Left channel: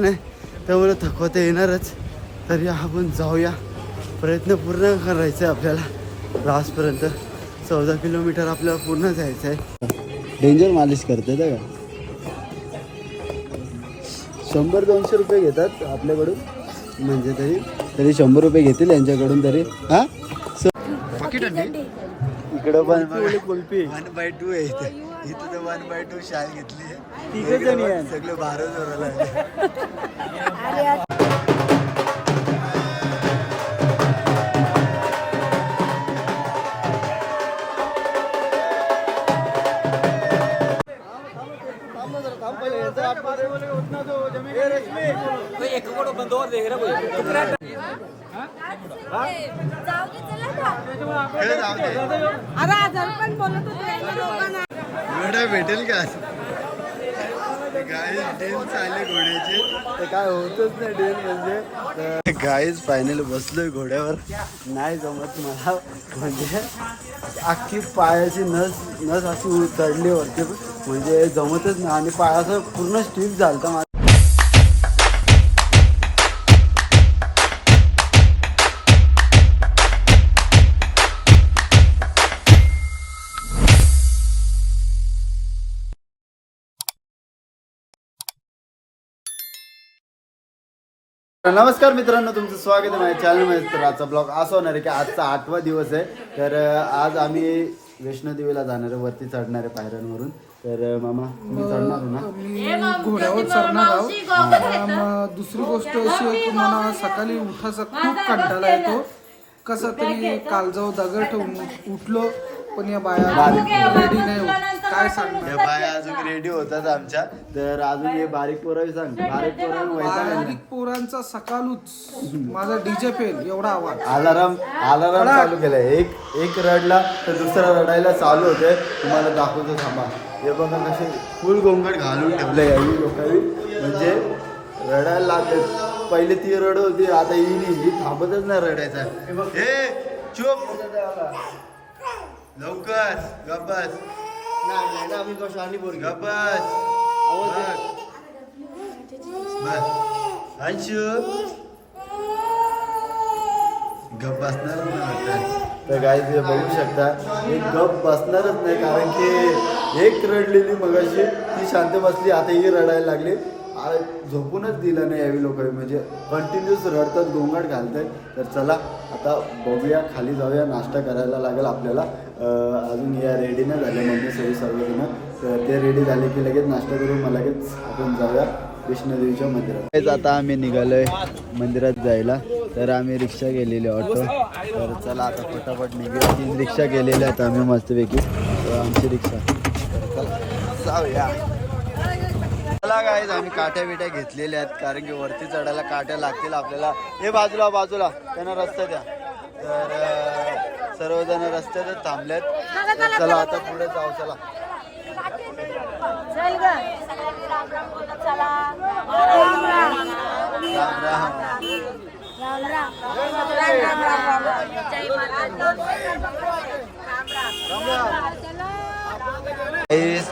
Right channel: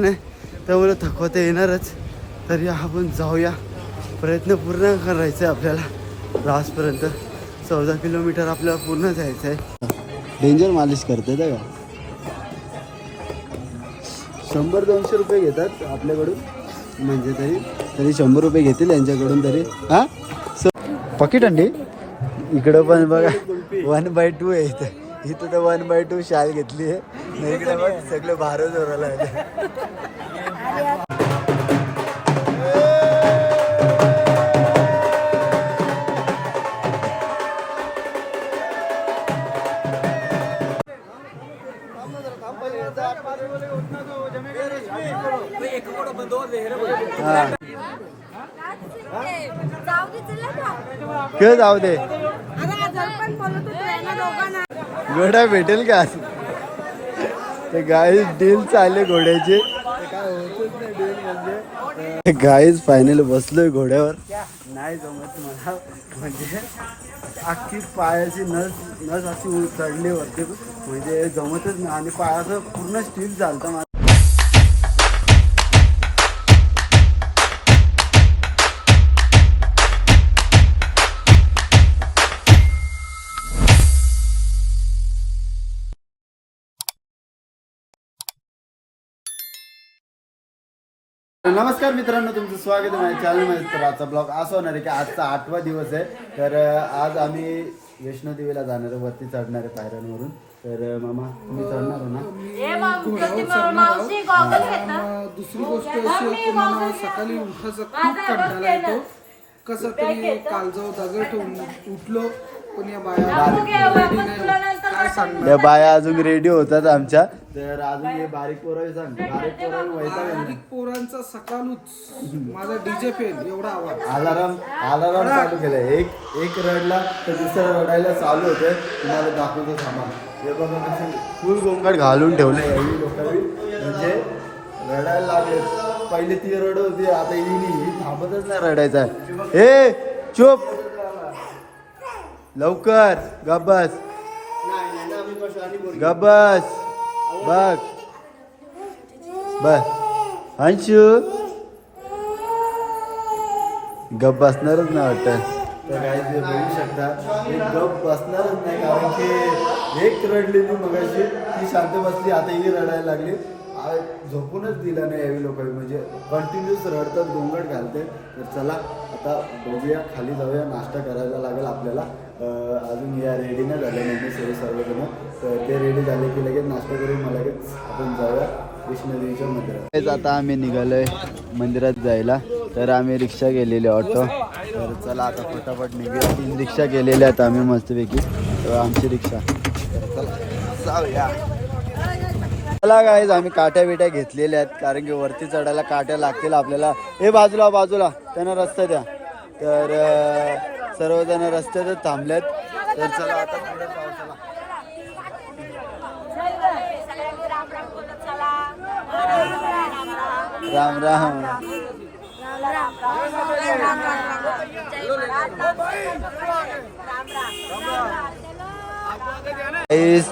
नाही त्यामुळे थकवा तर येणारच. तरी आपण जाऊया, प्रयत्न पूर्ण करायचा आहे आपल्याला. लास्टपर्यंत 14 किलोमीटर आपल्याला पूर्ण जायचं आहे. डेंजर मालिश करते का? 100-200 रुपये घेतात आपल्याकडून, म्हणजे तरी 100 रुपये घेतील यांच्याकडून तरी. हां पॉकेट अंडी इकडं पण बघा 1/2 आहे इथं. इथं तर 1/2 शाल घेतली आहे. इकडे बघ सगळं भारत जोराला आहे. जाऊ दे घोडा भेटेल का? गाईज डील चालले घोड्याचे, ते काय होतच नाही डील. म्हणजे गाईज फायनली बसलोय घोड्यावर. नाही जमत मला, म्हणजे अख्खी पायाची नस अशी चढली वरती, म्हणजे जमतच नाही. आणि पायाचं पूर्ण स्टील झालं माझं. नमस्कार मित्रांनो, तुमचं स्वागत आहे माझ्या चॅनलमध्ये. तर आजचा ब्लॉग असा होणार आहे की आजचा 8वा दिवस आहे. तर आज आम्ही वैष्णोदेवीला जाणार आहे, वरती चढणार आहे पायऱ्यांवरून. तर मामा तुम्ही चढणार हो ना? घोड्यावर चढणार आहोत. दुसरी गोष्ट अशी आहे की मला सकाळी उठायचा खूप कंटाळा येतो. कसं तरी काल जाऊ दगड ठेवून उठलो, पण या बाया रेडी नाही. काय सांग, या बाया अजून रेडी होतात आमच्या. तर अजून हे बारीक पोरं सांग, बारीक पोरांचा सकाळूच माझा डीजे फेल एवढा आवाज. अलाराम चालू केलाय. एक रडला तर दुसरा रडायला चालू होतोय. तुम्हाला दाखवतो थांबा. हे बघा कसे फुल गोंगाट घालून ठेवले काही लोकांनी, म्हणजे रडायला लागले. पहिले ती रड होती, आता ही थांबतच नाही रडायचा. हे चुप, लवकर गब्बस गब्बस. बस अंशू गप बसणारच नाही वाटतं. तर काय ते बघू शकता, हे गप बसणारच नाही, कारण की एक रडलेली मगाशी ती शांत बसली, आता ही रडायला लागली. झोपूनच दिलं नाही यावी लोकांनी, म्हणजे कंटिन्यूस रडतात, गोंगाट घालतात. तर चला आता बघूया, खाली जाऊया, नाश्ता करायला लागेल आपल्याला. अजून या रेडी नाही झाले म्हणजे सर्वजण. तर ते रेडी झाले की लगेच नाश्ता करून मला लगेच आपण जाऊया वैष्णोदेवीच्या मंदिरात. आता आम्ही निघालोय मंदिरात जायला. तर आम्ही रिक्षा गेलेली ऑटो. तर चला आता फटाफट निघूया. 3 रिक्षा गेलेल्या आहेत आम्ही मस्तपैकी, आमची रिक्षा. तर चला जाऊया. चला गाईज, आम्ही काट्या बिट्या घेतलेल्या आहेत, कारण की वरती चढायला काट्या लागतील आपल्याला. हे बाजूला त्यांना रस्ता द्या. तर सर्वजण रस्त्यातच थांबलेत. तर चला आता पुढे जाऊ. चला राम राम.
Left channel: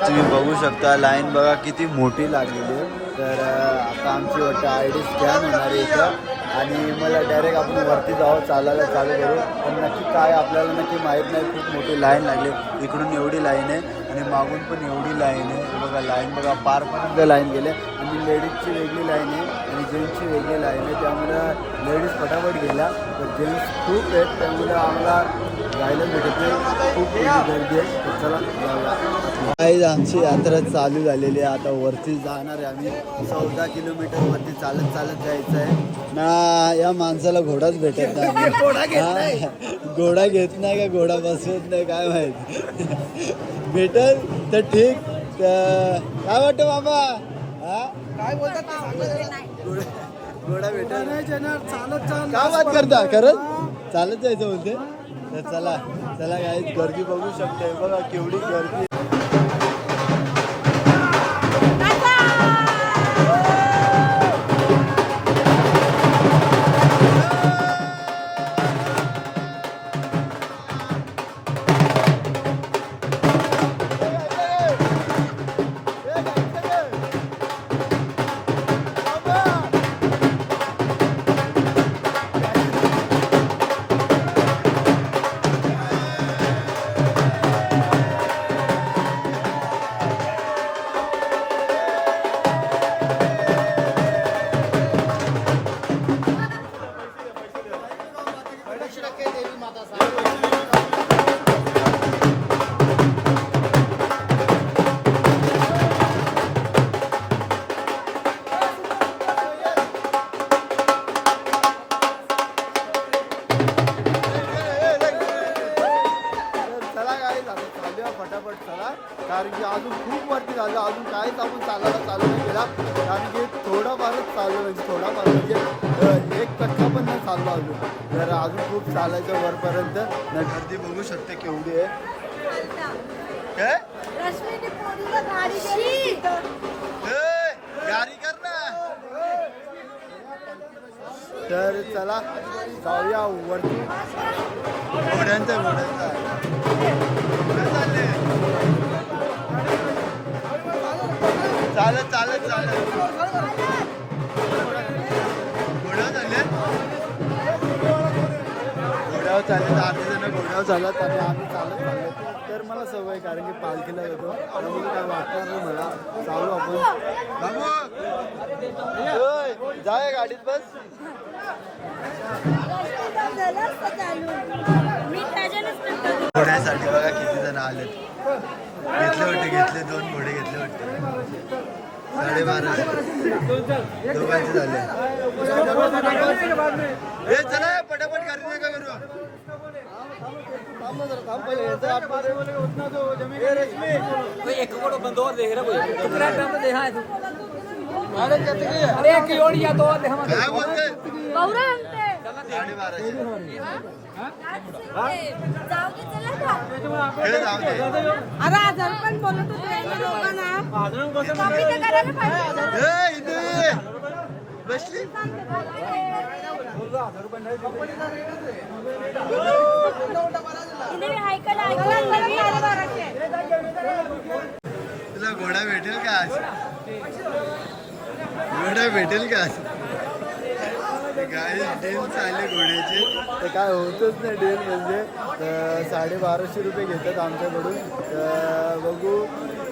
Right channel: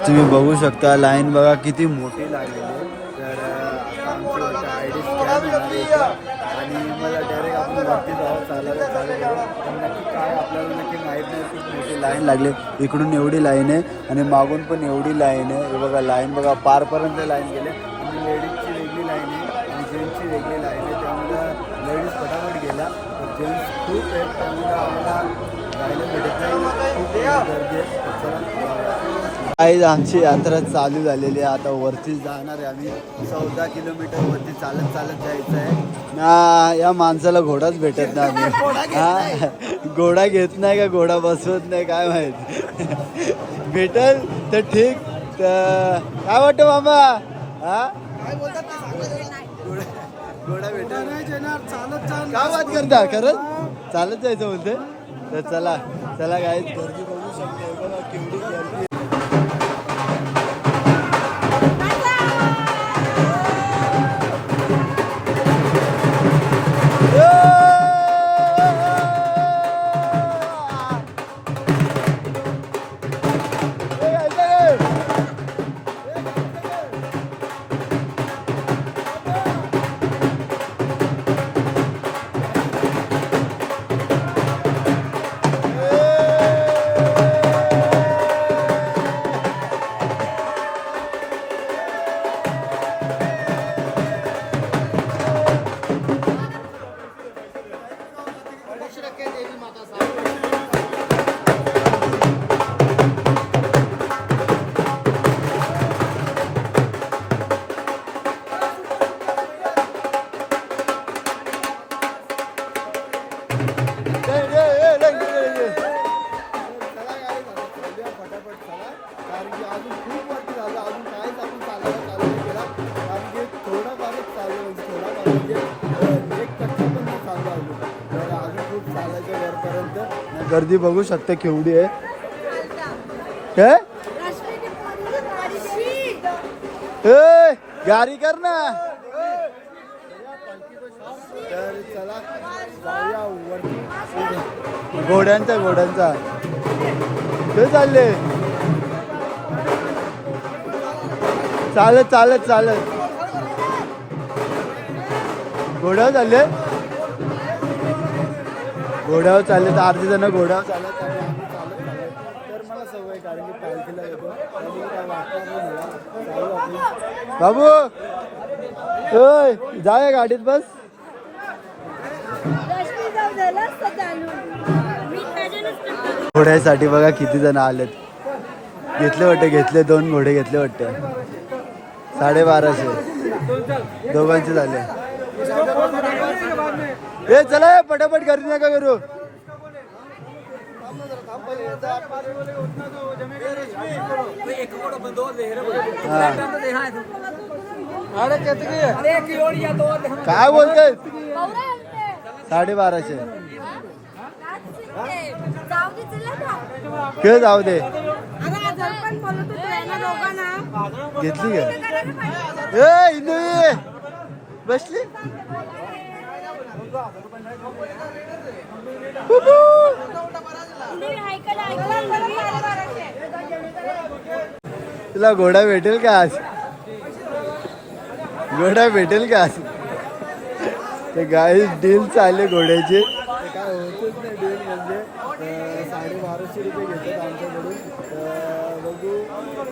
तुम्ही बघू शकता लाईन बघा किती मोठी लागलेली आहे. तर आता आमची वाटतं ID स्कॅन होणार आहे इथं, आणि मला डायरेक्ट आपण वरती जावं, चालायला चालू करू. पण नक्की काय आपल्याला नक्की माहीत नाही. खूप मोठी लाईन लागली, इकडून एवढी लाईन आहे आणि मागून पण एवढी लाईन आहे. हे बघा लाईन बघा, पारपर्यंत लाईन गेले. आणि लेडीजची वेगळी लाईन आहे आणि जेंट्सची वेगळी लाईन आहे. त्यामुळे लेडीज फटाफट गेल्या, तर जेंट्स खूप आहेत, त्यामुळे आम्हाला जायला भेटत नाही. खूप गर्दी आहे. तर चला जाऊया. काही आमची यात्रा चालू झालेली आहे. आता वरती जाणार आहे आम्ही. 14 किलोमीटर वरती चालत जायचं आहे ना. या माणसाला घोडाच भेटत नाही. घोडा घेत नाही का घोडा बसवत नाही काय माहित. भेटल तर ठीक. काय वाटतं मामा? काय बोलतात घोडा भेटल चालत काय बात करता? खरंच चालत जायचं बोलते. तर चला गाईज, गर्दी बघू शकतो बघा केवढी गर्दी. चाललो म्हणजे थोडाफार म्हणजे एक कच्चा पण नाही चाललो आलो. तर अजून खूप चालायचं वरपर्यंत. नाही गर्दी बघू शकता केवढी आहे. काय जारी कर ना. तर चला जाऊया वरती. घोड्यांचा ते चालले चालत घोड्यावर चालले तर अर्धी जण घोड्यावर चालत आणि आम्ही चालत चाललो. तर मला सवय कारण की पालखीला जातो त्यामुळे काय वाटणार नाही मला. चालू आपण बाबू होय जाऊया गाडीत बस. घोड्यासाठी बघा किती जण आलेत. घेतले 2 घोडे घेतले वाटते. 1250 दोघांचे झाले. हे चला पटापट गर्दी नका करू. काय बोलते 1250 ते जाऊ दे. बसली तुला घोडा भेटेल का आज? ते गाई डील चालले घोड्याची. ते काय होतच नाही डील म्हणजे 1250 रुपये घेतात आमच्याकडून. तर बघू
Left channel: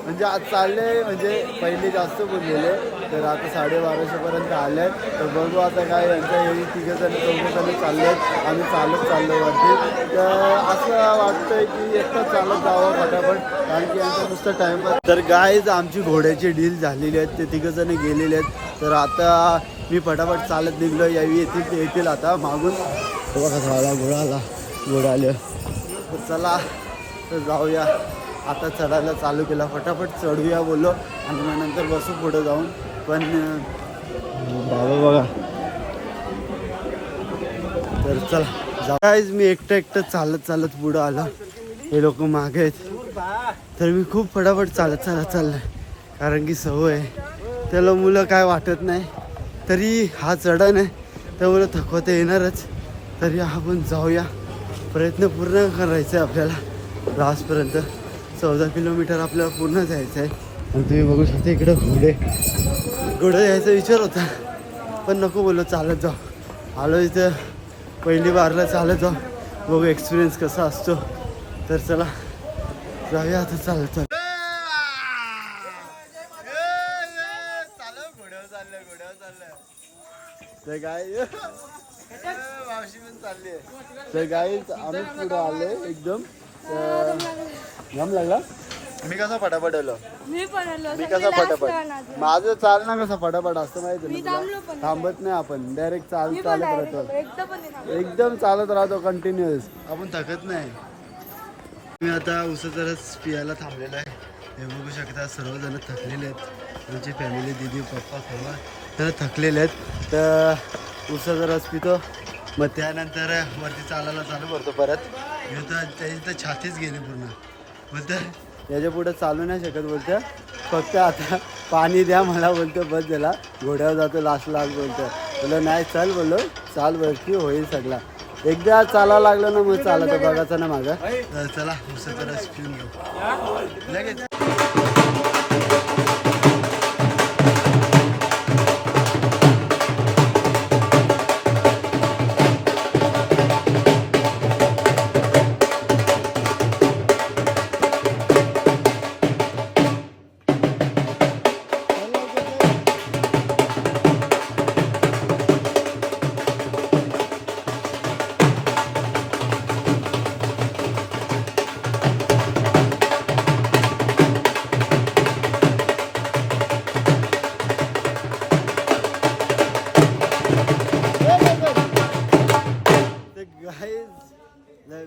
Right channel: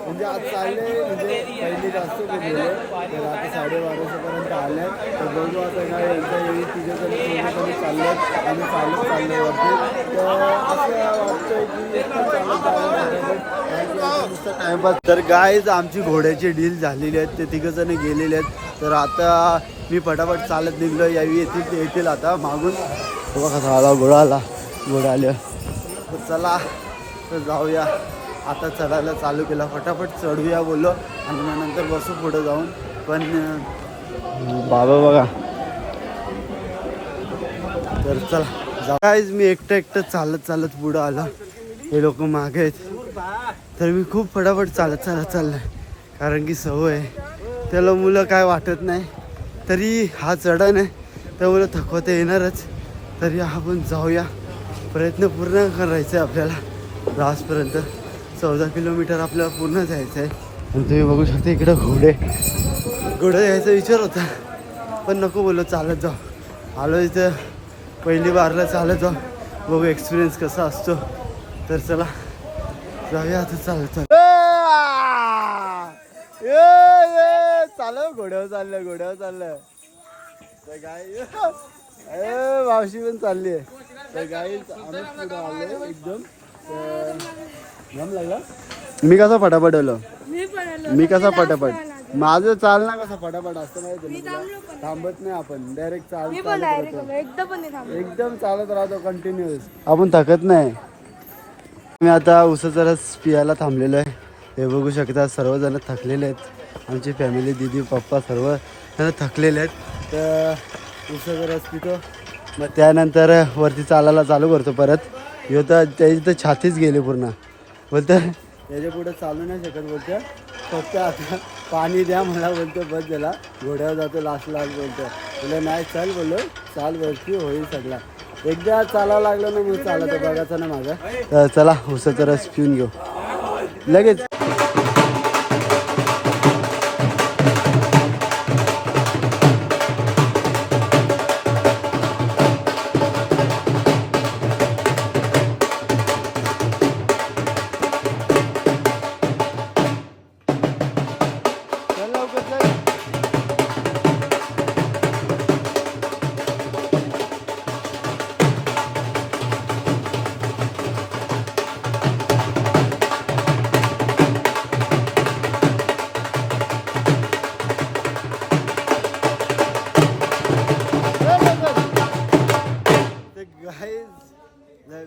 म्हणजे आज चालले म्हणजे पहिले जास्त बोललेले तर आता 1250 पर्यंत आले. तर बघू आता काय यांच्या एवढी 3 जण 4 जण चाललेत. आम्ही चाललो वरती. तर असं वाटतंय की एकटाच चालत जावं फटाफट कारण की यांचा नुसतं टाइमपास. तर गाईज आमची घोड्याची डील झालेली आहेत. ते 3 जण गेलेले आहेत. तर आता मी फटाफट चालत निघलो. यावी येतील आता मागून. बघा झाला घोडा आले. तर चला तर जाऊया. आता चढायला चालू केला. फटाफट चढूया बोललो आणि मग नंतर बसू पुढे जाऊन. पण बाबा बघा. तर चला गाईज मी एकटं चालत पुढं आलो. हे लोक मागे आहेत. तर मी खूप फटाफट चालत चाललंय कारण की सवय आहे. त्याला मुलं काय वाटत नाही. तरी हा चढण आहे त्यामुळे थकवता येणारच. तरी आपण जाऊया. प्रयत्न पूर्ण करायचा आहे आपल्याला. लास्टपर्यंत 14 किलोमीटर आपल्याला पूर्ण जायचं आहे. आणि तुम्ही बघू शकता इकडं घोडं यायचा विचार होता पण नको बोललो चालत जाऊ. आलो इथं पहिली बारला चालत जाऊ. बघू एक्सपिरियन्स कसा असतो. तर चला जाऊया आता चालत घोड्यावर चाललं. तर गाय मावशी पण चालली आहे. तर गाई आम्हीच पुढे आलो एकदम. घाम लागला. मी कसा फटाफट आलो. माझं चालना कसं फटाफट असतं माहिती ना तुला. थांबत नाही आपण डायरेक्ट चालत राहतो. एकदम चालत राहतो कंटिन्युअस. आपण थकत नाही. मी आता उसाचा रस पियाला थांबलेलो आहे. हे बघू शकता सर्वजण थकलेले आहेत. आमची फॅमिली दीदी पप्पा सर्व जण थकलेले आहेत. तर उसाचा रस पितो मग त्यानंतर वरती चालायला चालू करतो परत. तर त्याची तर छातीच गेली पूर्ण. बोलतं त्याच्या पुढे चालू नाही शकत. बोलतं फक्त आता पाणी द्या मला. बोलतं बस झाला. घोड्यावर जातो लास्ट बोललं नाही चल बोललो चाल वरती होईल सगळा. एकदा चालायला लागलं ना मग चालत बघायचं ना माझं. तर चला उसाचा रस पिऊन घेऊ लगेच.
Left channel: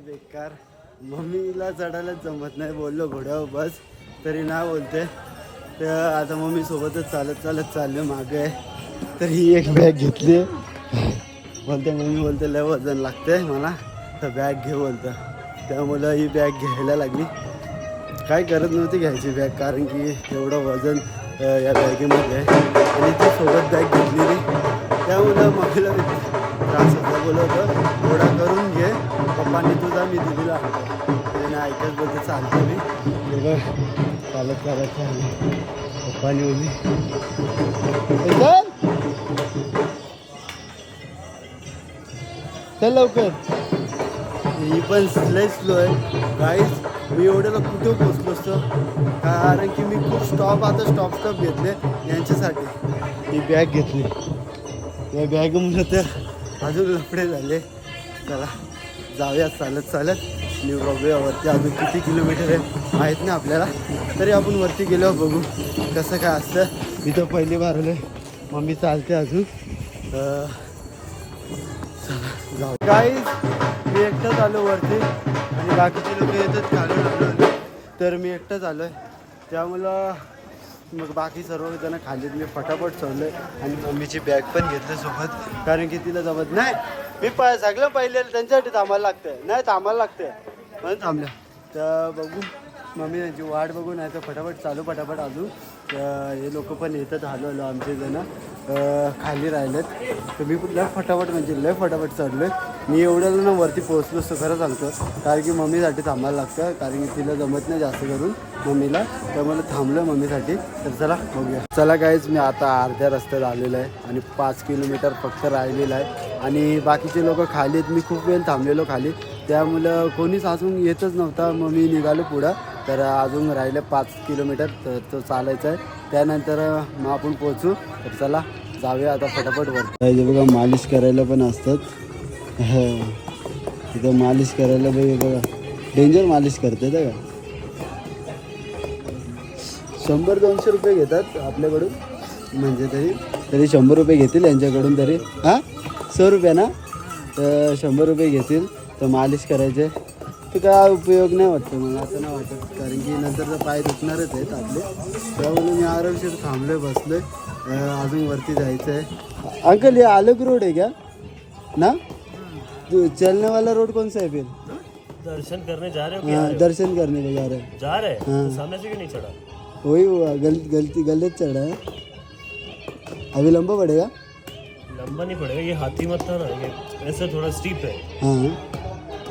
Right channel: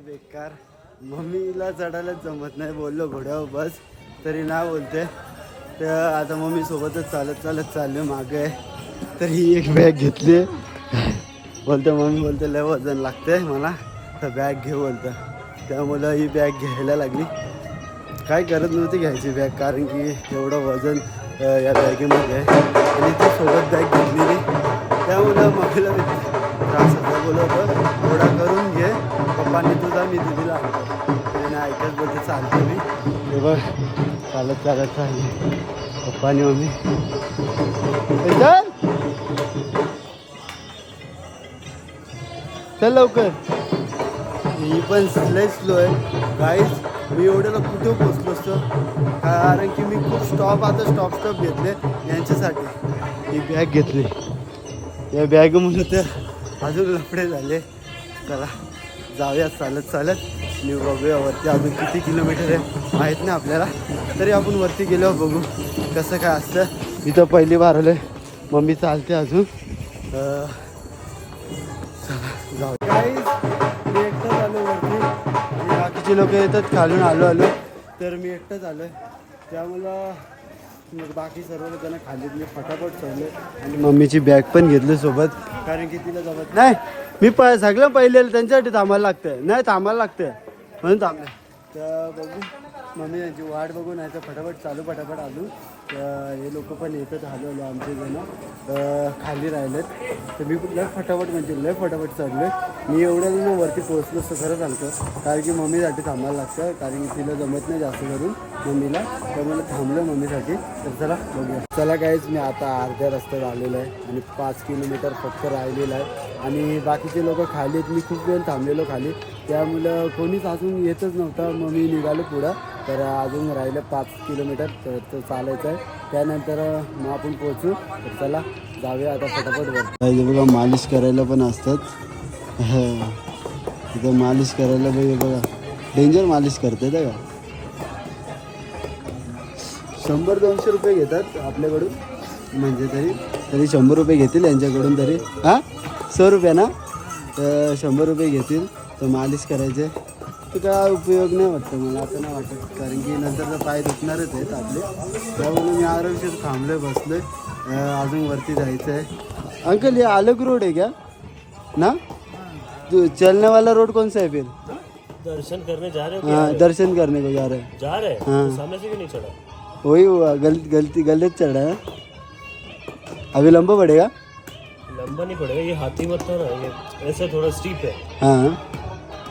बेकार मम्मीला चढायलाच जमत नाही. बोललो घोड्यावर बस तरी नाही बोलते. तर आता मम्मी सोबतच चालत चाललो मागे. तर ही एक बॅग घेतली. बोलते मम्मी बोलते लय वजन लागते मला, तर बॅग घे बोलतं. त्यामुळं ही बॅग घ्यायला लागली. काय करत नव्हती घ्यायची बॅग, कारण की एवढं वजन या बॅगेमध्ये आहे. आणि ती सोबत बॅग घेतलेली, त्यामुळं मम्मीला त्रास होता. बोलवतं थोडा करून घे, पप्पांनी तुझा मी दिदीला आणतो. त्याने ऐकत बोलते चालतो मी. ते बघ चालत चालत चालली पप्पानी मम्मी. चल लवकर. ही पण लय स्लो आहे गाईज. मी एवढ्याला कुठे पोचलो असतो, कारण की मी खूप स्टॉप घेतले यांच्यासाठी. ही बॅग घेतली, या बॅगमुळे तर अजून लफडे झाले. चला जाऊया चालत चालत. आणि बघूया वरती अजून किती किलोमीटर आहे माहीत नाही आपल्याला, तरी आपण वरती गेल्यावर बघू कसं काय असतं. इथं पहिली बार आलं, मम्मी चालते अजून. जाऊ गाईज. मी एकटाच आलो वरती आणि बाकीचे लोक येतात खालून. आलो तर मी एकटाच आलो आहे, त्यामुळं मग बाकी सर्वजण खाली. मी फटाफट चढलो आणि मम्मीची बॅग पण घेतली सोबत, कारण की तिला जमत नाही. मी सगळं पहिले त्यांच्यासाठी थांबायला लागते, नाही थांबायला लागते म्हणून थांबले. तर बघू मम्मी त्यांची वाट बघू, नाही तर फटाफट फटाफट आलो. तर हे लोक पण येतात हलो आमचे जण खाली राहिलेत. तर मी लय फटाफट म्हणजे लय फटाफट चढलो. मी एवढ्या वरती पोहोचलो असतो खरं सांगतो, कारण की मम्मीसाठी थांबायला लागतं, कारण की तिला जमत नाही जास्त करून मम्मीला. त्यामुळे थांबलं मम्मीसाठी. तर चला बघूया. चला काहीच मी आता अर्ध्या रस्त्यात आलेलो आहे आणि 5 किलोमीटर फक्त राहिलेलं आहे. आणि बाकीचे लोक खाली आहेत. मी खूप वेळ थांबलेलो खाली, त्यामुळं कोणीच अजून येतच नव्हता. मग मी निघालो पुढं. तर अजून राहिलं 5 किलोमीटर तर तो चालायचं आहे. त्यानंतर मग आपण पोहोचू. तर चला जाऊया आता फटाफट वर. बघा मालिश करायला पण असतात. इथं मालिश करायला बघा डेंजर मालिश करते का. 100-200 रुपये घेतात आपल्याकडून, म्हणजे तरी 100 रुपये घेतील यांच्याकडून तरी. हां 100 रुपये ना, तर 100 रुपये घेतील. तर मालिश करायचे. तर काय उपयोग नाही वाटतं मला, आता नाही वाटत, कारण की नंतर तर पाय दुखणारच आहेत आपले. त्यामुळे मी आरामशीर थांबलो आहे, बसलो आहे. अजून वरती जायचं आहे. अंकल ये अलग रोड है क्या ना, चलने वाला रोड कौन सा है फिर? दर्शन करने जा रहे हो? हाँ दर्शन करने को जा रहे हैं. जा रहे हैं? हाँ. तो सामने से क्यों नहीं चढ़ा? वही हुआ, गलत चढ़ रहा है. अभी लंबा पड़ेगा. लंबा नहीं पड़ेगा, ये हाथी मत था ना, ये ऐसे थोड़ा स्टीप है. हाँ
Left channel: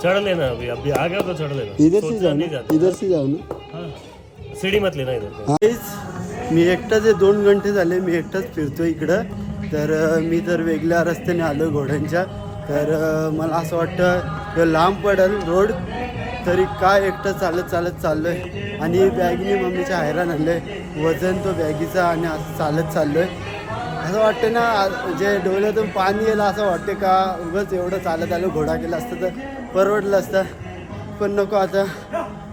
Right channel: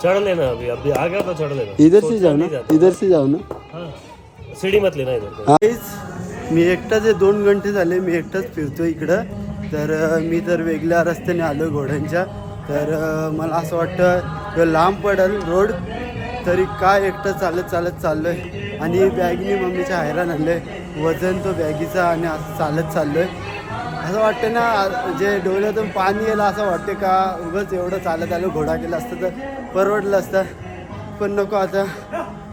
चढ़ लेना. अभी आ गया तो चढ़ लेना. इधर से सोचना जाओ नहीं ना, जाता. इधर से जाओ ना. हाँ सीढ़ी मत लेना इधर को. मी एकटाच 2 घंटे झाले मी एकटाच फिरतो इकडं. तर मी तर वेगळ्या रस्त्याने आलो घोड्यांच्या. तर मला असं वाटतं लांब पडेल रोड, तरी काय एकटं चालत चाललो आहे. आणि बॅगनी मम्मीच्या हैराण आलं आहे, वजन तो बॅगीचा, आणि असं चाललो आहे. असं वाटतं ना जे डोळ्यातून पाणी येईल असं वाटते का उगाच एवढं चालत आलो. घोडा केला असतं तर परवडलं असतं, पण नको. आता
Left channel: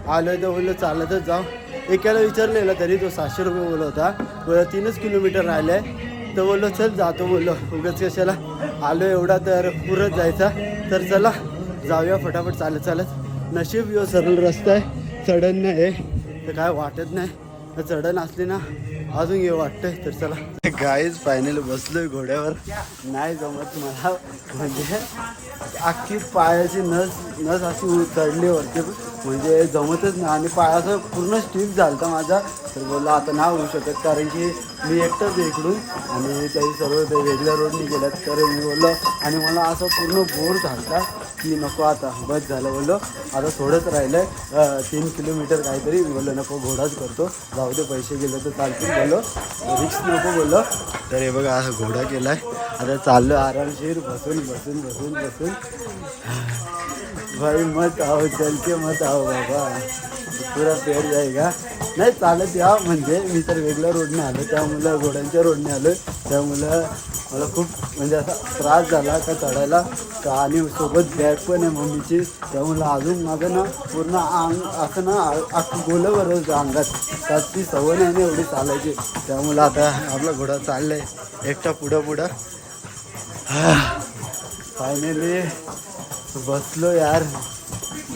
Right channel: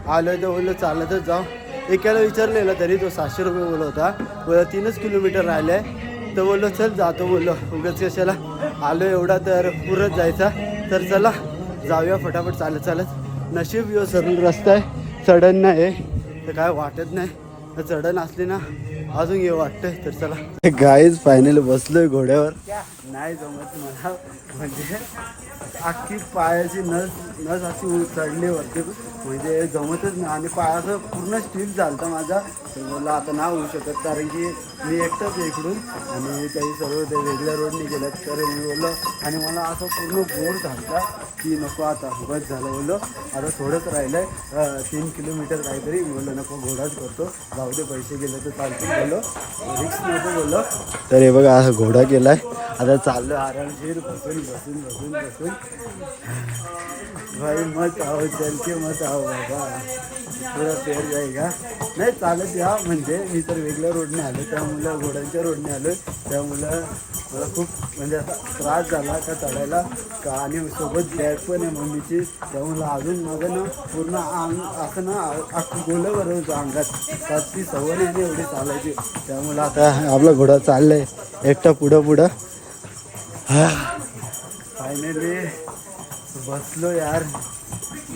आलो आहे तर बोललो चालतच जाऊ. एकाला विचारलेलं तरी तो 700 रुपये बोलत होता. बोला 3 किलोमीटर राहिले आहे. तर बोललो चल जातो, बोललो उगाच कशाला आलो एवढा, तर पुरत जायचा. तर चला जाऊया फटाफट चालत. नशीब यो सरळ रस्ता आहे, चढण नाही आहे, तर काय वाटत नाही. तर चढण असली ना अजून हे वाटतंय. तर चला गाईज फायनली बसलोय घोड्यावर. नाही जमत मला, म्हणजे अख्खी पायाची नस अशी चढली वरती, म्हणजे जमतच नाही. आणि पायाचं पूर्ण स्टीप झालं तर माझा. तर बोलला आता नाही होऊ शकत, कारण की मी एकटंच आहे इकडून आणि काही सर्व ते वेगळ्या रोडने गेल्यात. तर मी बोललो, आणि मला असं पूर्ण बोर झाला की नको आता बस झालं. बोललो आता थोडंच राहिलं आहे 3 किलोमीटर काहीतरी. मी बोललो नको घोडाच करतो, जाऊ दे पैसे गेले तर चालतील. बोललो रिक्स नको बोललो. तर हे बघा असा घोडा केला आहे. आता चाललो आरामशीर बसून भाई मत आओ, चल के मत आओ बाबा, पुरा पेर जाएगा. नाही चालत या, म्हणजे मी तर वेगळ्या रोडने आलो, त्यामुळं घोड्यांच्या रोडने आलो. त्यामुळं मला खूप म्हणजे असा त्रास झाला का चढायला. आणि सोबत बॅग पण आहे मम्मीची, त्यामुळं अजून माझं ना पूर्ण अंग असं ना गोलं बरं होतं अंगात. त्याची सवय नाही ना एवढी चालायची. त्यामुळं आता आपला घोडा चालला आहे एकटा पुढं. फायनली बसलो यार,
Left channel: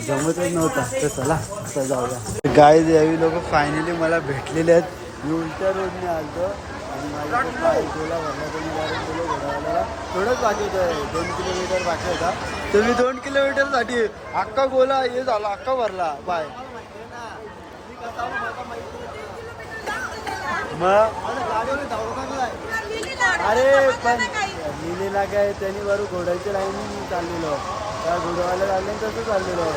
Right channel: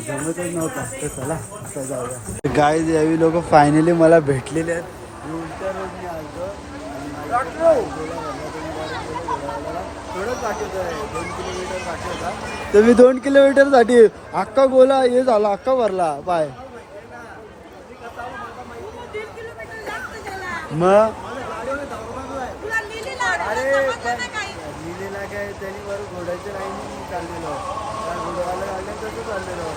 जमतच नव्हता. तर चला आता जाऊया. गाईज यावी लोक फायनली मला भेटलेले आहेत. मी उलट्या रोडने आलो आणि मला गोला भरला तर मी direct गेलो घोडावाल्याला. थोडंच बाकी होतं, 2 किलोमीटर बाकी होता. तर मी 2 किलोमीटरसाठी अख्खा गोला हे झाला, अख्खा भरला पाय. मग अरे पण लिहिलेला काय त्यांनी बरोबर घोड्याची लाईन चाललेलं, त्या घोड्यावाल्या लाईन तसं चाललेलं.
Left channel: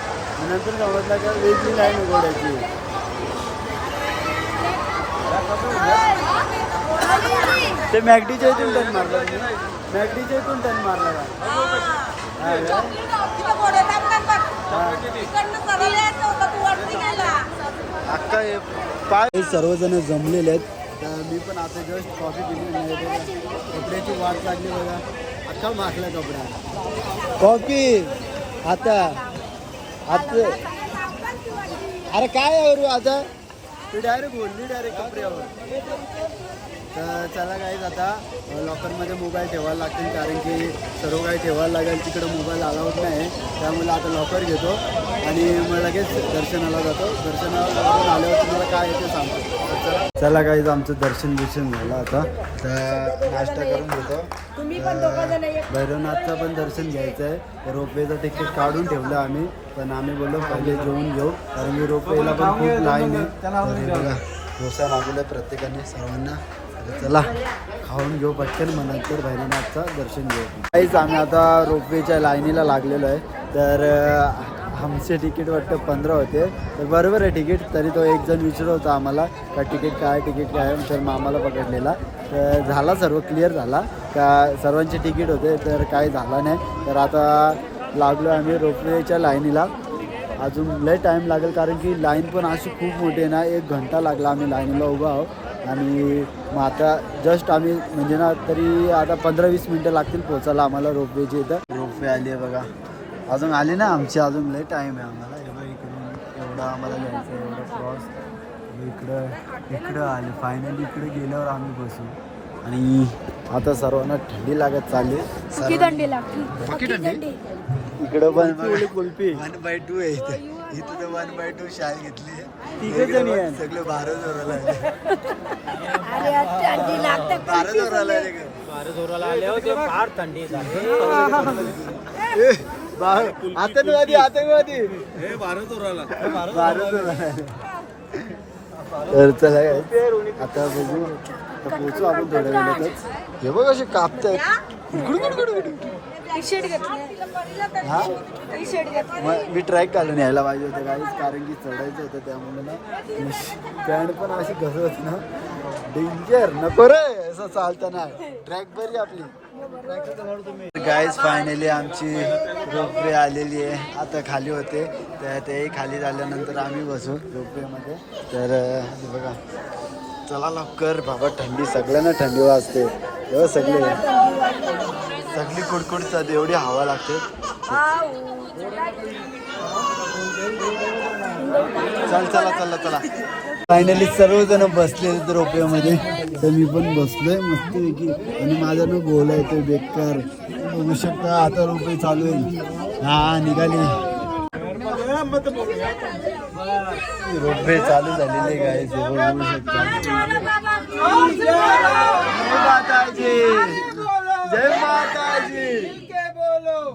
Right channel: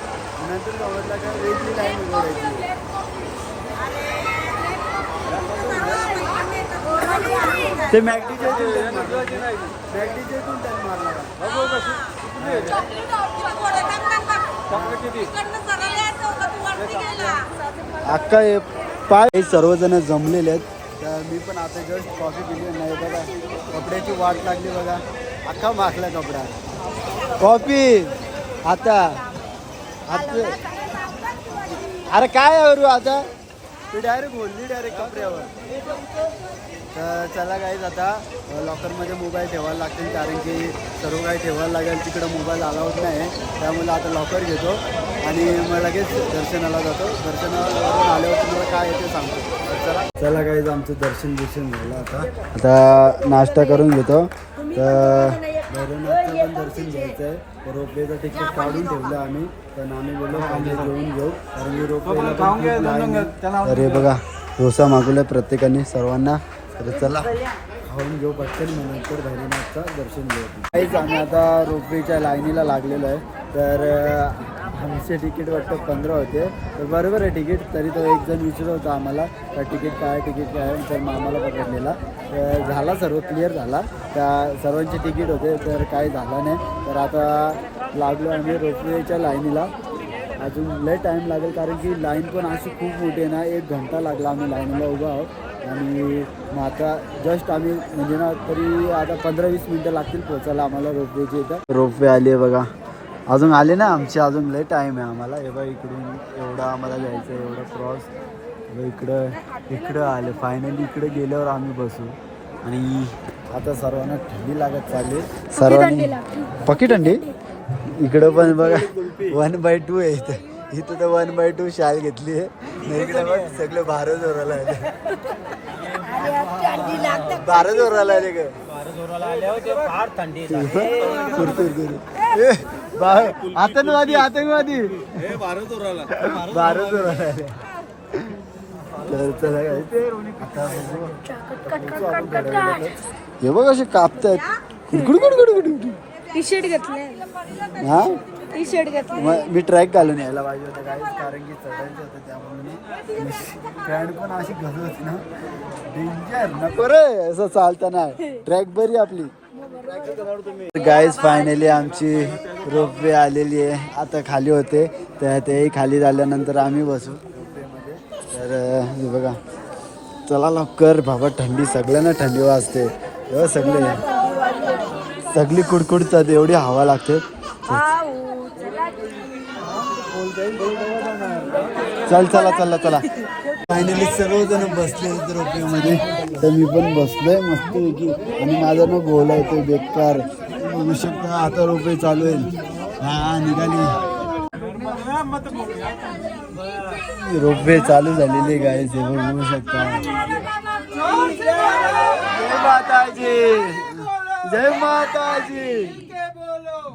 नंतर समजलं का वेगळी लाईन आहे घोड्याची. ते मॅगडीच्या इथून टर्न मारला तुम्ही, मॅगडीच्या इथून टर्न मारला अख्खा हे काय सर्वजण जमलेले आहेत. तर मी पण आता जस्ट कॉफी पिली नाही बघा, कपड्याची वाट लागली बघा, अख्खा माखला कपडा. कॉफी आता आता अरे काय करू आता, तू डायरेक्ट बोलली डायरेक्ट कपड्यावर. तर चला गाईज आता लॉकरमध्ये मोबाईल ठेवायला लागतील, कारण की सर्व काही ठेवायला लागेल, तिकडं मोबाईल अलाउड नाही. त्यामुळे आता लॉकर घेतो आणि मग लगेच दर्शनाला जातो. दर्शनाला आल्यावर तुम्हाला काय येते सांगतो. चला गाईज आमचं दर्शन झालं. आता नाश्ता करून घेतो. तर भैरवनाथचं पण दर्शन घ्यायचं आहे. तर रोपवेचं तिकीट काढून ठेवलं आम्ही, पण आम्ही बोललो पहिले जेवून घेऊ, कारण की रोपवेला पण खूप लाईन आहे. तर हे बघा डोसा मागवलं प्रत्येकाने सर्वांना. तर चला खाऊन घेऊ पटकन, मग नंतर भैरवनाथचं दर्शन घेऊ. काहीच आम्ही आता रोपवेच्या लाईनीला लागलेलो आहे. तर आमचे तिकीट वाटतं 15 होते. तर बरोबर आहे तिकीट, तरी तो एक जण विचारत होता आम्हाला का तिकीट काय तर मग आम्हाला पकडलेला. तर झाला सर्व क्लिअर झाला का सर्वांचे तिकीट होते, तर काय झालं नाही. तर आता लागलो आम्ही रोपवेच्या लाईनीला. अजून लय टाईम लागेल, कारण की लाईन पण अशी खूप मोठी आहे ना, 1 घंटा लागला आम्ही लाईनीला उभा आहोत. आणि मग आता जस्ट आम्ही म्हणजे ना तरी आता 15-20 मिनटं लागतील पोचायला आम्हाला रोपवेचे इथं. रोपवे आली आहे बघा, अजून आले ना आमचे, अजून लय टाईम आहे आम्हाला. हे बघा इकडून एवढं आम्हाला जायचं आहे, एवढं क्रॉस इकडं आले. फायनली इकडे गेल्यावर आम्ही बसू. आणि आता सर्वांना थंडी लागत चालली, सर्वांना पकी थंडी. इकडं पण बघा 1/2 आहे इथं तर 1/2 शाल घेतली आहे. इकडे बघ सगळं 12 जोराला आहे, 12 जोराला आहे ग, 12 जोराला आले होते, फार थंडी आतंकवादी 12 जोराला 12 जोराला. तर चला आता बघू, पोचू आपण थोड्या वेळातच. हे बघ असे कापतायत हा. मग मी ट्रॅक घालून यायला पाहिजे होतं गाईच, कारण की चढायचं होतं, त्यामुळे ना पॅन्ट पण अशी घसरत ना, डेंजर नको रे असं चालताना. ट्रॅक बरी आपली. गाईज फायनली आमची रोपवे आलेली आहे. आता खाली होते, तर ते खाली झाल्यानंतर आम्ही बसू रोपवेमध्ये. तर हे बघा चला लवकर बाबा, थंडी सगळी थंडी असते सगळी कुडकुडतात, एवढी हवा लागते. चला फायनली सर्वजण बसले रोपवेमध्ये. तर मी पण बसलोय मस्त पैकी, आणि माझा ना गोला येतोय बेकार, बघू शकता. आता रोपवे चालू आहे, हा निघाली रोपवे चालू झालेली गाईज. बघू शकता. जय माताजी, जय माताजी,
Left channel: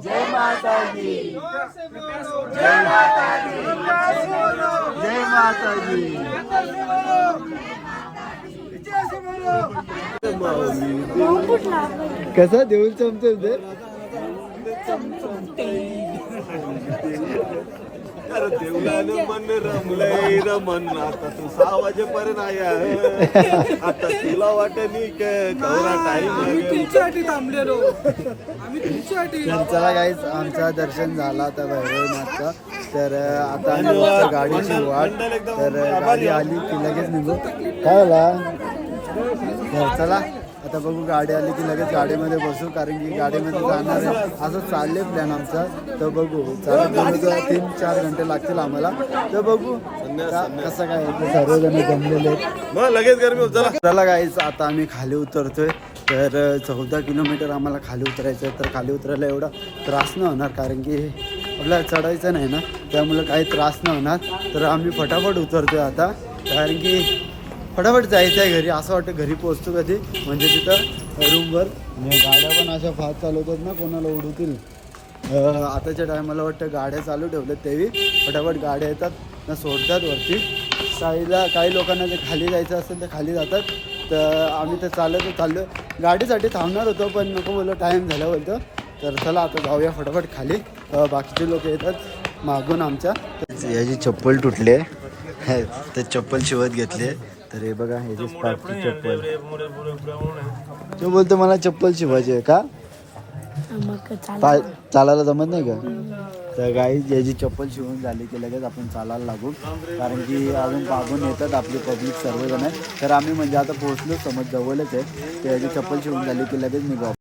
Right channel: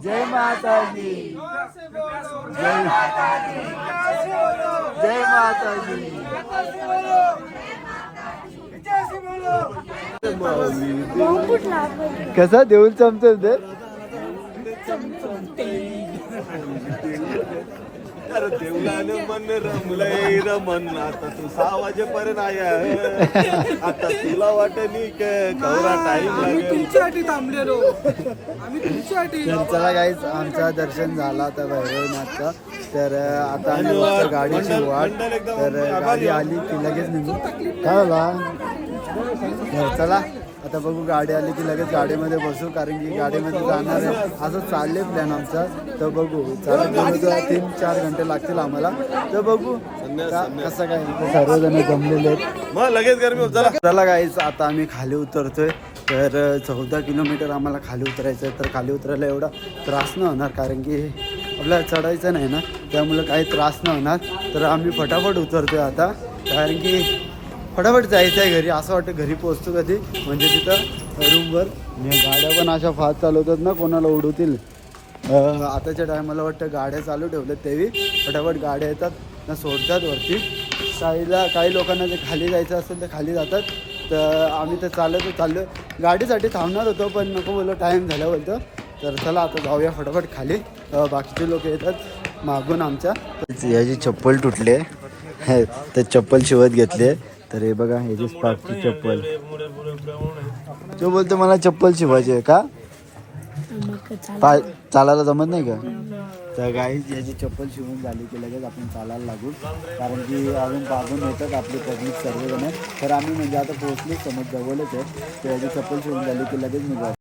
जय माताजी, जय माताजी, जय माताजी. कसा देऊन चमचम अरे देवलाने मन रमलंय रमन, आता तू 6 वाजेपर्यंत आया. आता तुला वाटणी कवरा टाइम लागेल. तुमच्यासाठी थांबलेलो आम्ही, तुमच्यासाठी. तर चला गाईज आमचं दर्शन झालं आता भैरवनाथचं. तर आता आम्ही बघतो गाडीची वाट. तर गाडी आली की लगेच निघू. काय झाला? तर चला आता बघू, गाडी आली की लगेच गाडीमध्ये बसू, कारण की गाडीमध्ये जाणार आहे असं चालले प्लॅन आमचा. तर बघू, चालत 3-4 घंटे लागतील आम्हाला. तर बघू कसं काय. सर्वजण जमलेले आहेत, मग लगेच गरमी होत. चला गाईज आता आम्ही खाली उतरतोय. तर 14 किलोमीटर आम्हाला खाली उतरायचं आहे. तर खाली उतरायला एवढा त्रास नाही होणार, कारण की आपल्याला चढायचं नाही ना, त्यामुळं काही त्रास नाही होणार. तर आम्ही फटाफट उतरतोय आता, कारण की फटाफट जायचं आहे घरी. असं वाटतं घरी पोहोचतो कधी, म्हणजे तिथं रूमवर गाड्या पण अशा फास्ट चालवतात ना, कोणाला उडवतील. आताच्या टायमाला वाटतं गाड्या चालू ठेवल्यात तेवी फटाफट गाड्या येतात ना, सोडतात वरती. काही लोकांना जे खाली जायचं असेल तर खाली जातात. तर आम्ही तर चाललो गाडीसाठी थांबणार होतो, पण नको बोललो, टाईम झाला बोलतो. तर चला आता जाऊया फटाफट खाली. बाकीचे लोक येतात मागून आमच्या. याची चप्पल तुटली आहे तर चप्पल शिवत घेतली. तर हे बघा, ह्याची स्पार्कची चप्पल. तो बोलतो मला चप्पल शिवायची आहे का, चालायला जमत नाही का. तर गाई याची चप्पल शिवून झाली की लगेच आपण चालायला लागू, कारण की अजून मागून येतात आपली पब्लिक सर्वजण आहेत. तर आम्ही म्हणजे आता पोहोचलो, समज जवळच आहे. तर याची चप्पल शिवून झाली की लगेच निघू.